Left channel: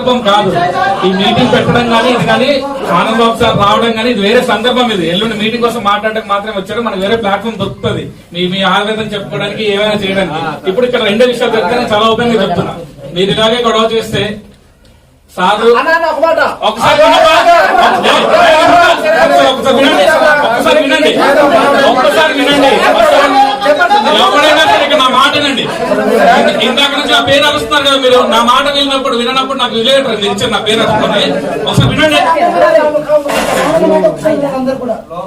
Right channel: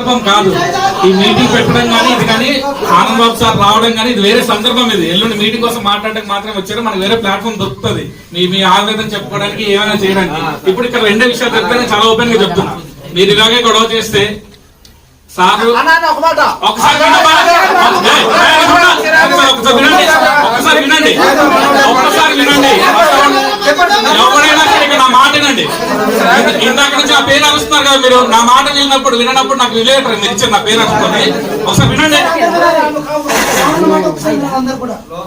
సందర్భం కాదు ఈ మీటింగ్ పెట్టడం కానీ ఇది కానీ ఆనంద్ బాబు సార్ రావడం కానీ ఇది వేరే సందర్భం ఇది ఎల్లుండి మీటింగ్ కోసం మాట్లాడడానికి మాత్రమే వచ్చారు మనకి వేరే ప్లాట్ఫామ్ దొరుకుతుంది మీ మీ ఆవేదన చెప్పుకోవడానికి ఏమైనా చేయడానికి ఇప్పుడు ఇక్కడ రెండే విషయాలు చెప్తాను చాలా ఓపెన్గా చెప్తున్నా మీరు ఇలాగే గొడవ చేస్తే సార్. ఒకసారి వినండి ఒకసారి వినండి ఒక్కసారి వినండి ఎవరైనా సరే ఇక నా మాట వినండి ఇంద- ఇందాక నుంచి నా కదా మీరు నా మాట విన్నప్పుడు వినప్పుడు నాకు విలేటర్ మీరు ఇచ్చారు నా పేరు అనుకోండి. ఒకసారి వినండి.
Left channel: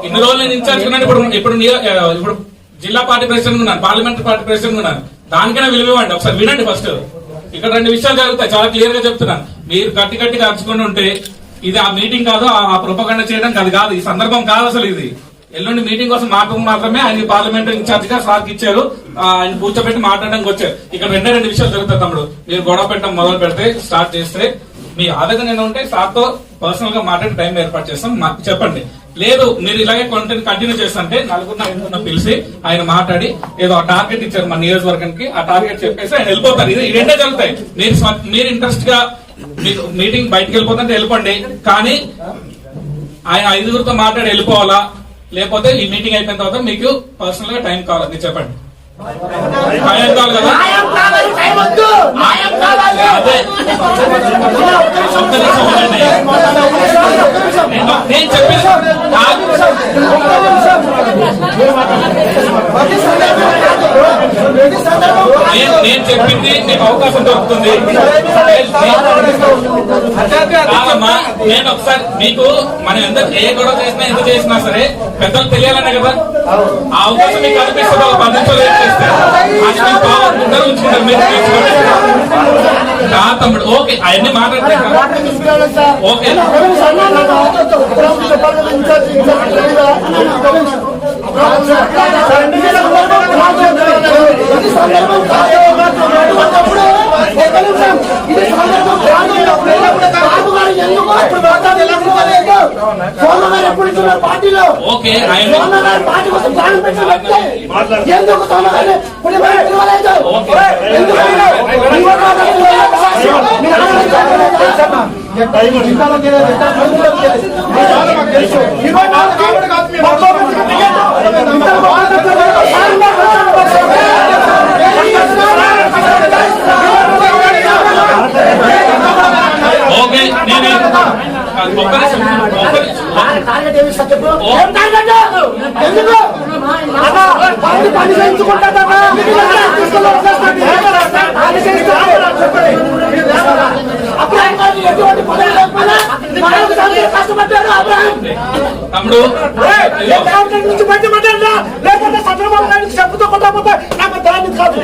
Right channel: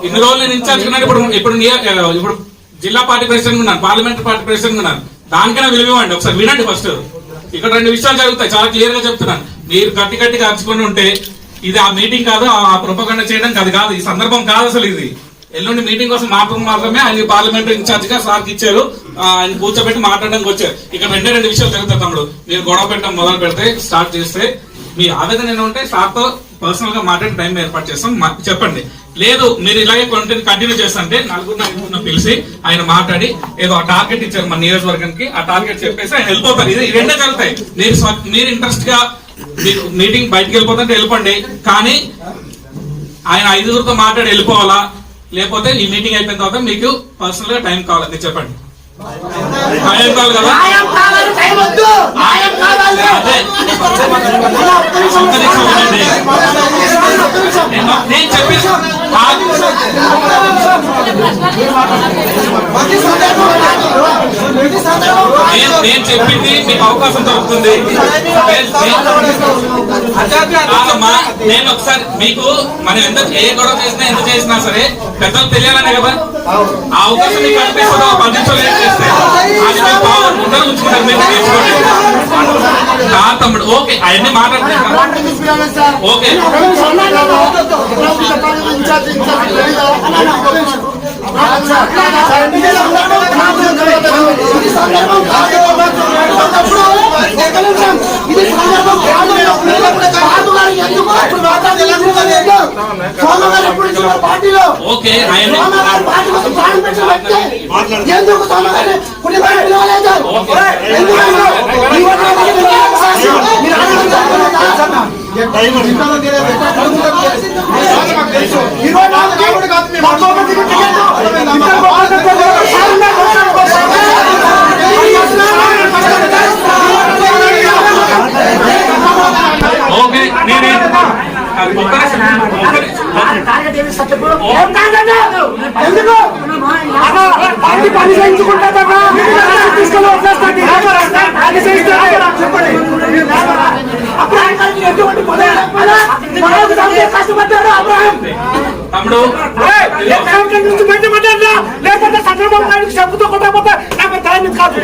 ఇన్ని రోజులు నేను ఇన్ఛార్జ్ ఇప్పుడు ఇప్పుడు ఇప్పుడు జిల్లా పార్టీ ప్రెసిడెంట్ ఉన్నాను పార్లమెంటరీ పార్టీ ప్రెసిడెంట్ ఉన్నాను. దానికైనా విలువండి ఒకసారి వినండి ఫస్ట్. ఇక్కడ రెండు విషయాలు జరుగుతాయి. చాలా క్లియర్గా చెప్తున్నాను. మీరు గట్టి గట్టిగా అరుచుకొని ఉంటే ఇది ఆ మీటింగ్ కాదు ఆ ప్రొపగండ చేయడం అది కాదు. ఈ సందర్భం కాదు అసలు ఇది. ఎల్లుండి మీటింగ్ కోసం మాత్రం మాత్రమే ఆయన పార్లమెంట్ ఇన్ఛార్జ్గా సార్కి ఇచ్చారు. ఆయన కూర్చోబెట్టి మాట్లాడడానికి వచ్చారు. ఇక్కడ రెండే రెండు విషయాలు జరుగుతాయి తమ్ముడు. మీరు గొడవ పెట్టడం మొదలు పెడితే స్టార్ట్ చేస్తే మీ ఆవేదన ఏమైనా ఉంటే సార్తో పర్సనల్గా మాట్లాడి టైం ఏర్పాటు చేస్తాం. చెప్పండి. లేదు మీరు ఇలాగే కంటిన్యూ కంటిన్యూ చేస్తుంటే నలుగురు ఐదుగురిని పిలిచి ఆయన మాట్లాడి ఏదో టార్గెట్ ఇచ్చారు మన నియోజకవర్గానికి. ఆ టార్గెట్ చెప్పేసి ఆయన వెళ్ళిపోతారు ఇది రెండే జరుగుతాయి. మీరు మీరు ఇంట్రెస్ట్గా మీరు మీటింగ్ బయటకు వెళ్ళిపోతుంటే వెళ్ళిపోండి. కానీ ఆయన ఐదుగురితో మాట్లాడి వెళ్ళిపోవాలా? లేకపోతే ఈ మీటింగ్ అయిపోయిన తర్వాత మీకు పర్సనల్గా టైం కావాలి. మీరు చెప్పండి. టైం కావాలి కదా? నేను చెప్పి నేను చెప్పింది మీకు అవకాశం దొరుకుతుంది నేను ఒకసారి మీకు మనం ఎంత ఏ గొడవ చేసినా ఎంత చేసినా సరే పెద్దలు తెలియాలనే కదా. ఆ అవకాశం మీకు కనిపిస్తుంది ఒక పది నిమిషాలు లేట్ చేస్తే. తమ్ముడు ఓకే అవన్నీ మాట్లాడుతున్నా ఓకే. పార్టీలో ఓకే ఆయన సోమగారు పార్టీ కోసం ప్రాణం పెట్టిన వ్యక్తి ఎందుకు సోమగారిని కుటుంబాన్ని పిలవలేదు ఓకే. ఎందుకంటే ఈ వర్గానికి పిలవలేదు. మీరు ఆలోచించాలి. ఇరవై నాలుగుకి ముప్పై మందికి టికెట్. ఇద్దరు బాగుంటుంది. సారంగా ఓకే నేను అది ఒక్క నిమిషం, ఒక్క నిమిషం. టార్గెట్ ఏమి సార్ చెప్పు? ఏం టార్గెట్? ఎందుకు? పార్టీ చేయించుకుంటాదన్నా? తీసుకొని వదిలేస్తాను. టార్గెట్ చేయిస్తే చెప్పండి. అబ్రాహం ఎటువంటి పదవి కష్టపడ్డాడు అబ్రాహం. తమ్ముడు. లేకపోతే చంద్రబాబు నాయుడు చెప్పుతో కొట్టకపోతే నాకు దాన్ని కాదు.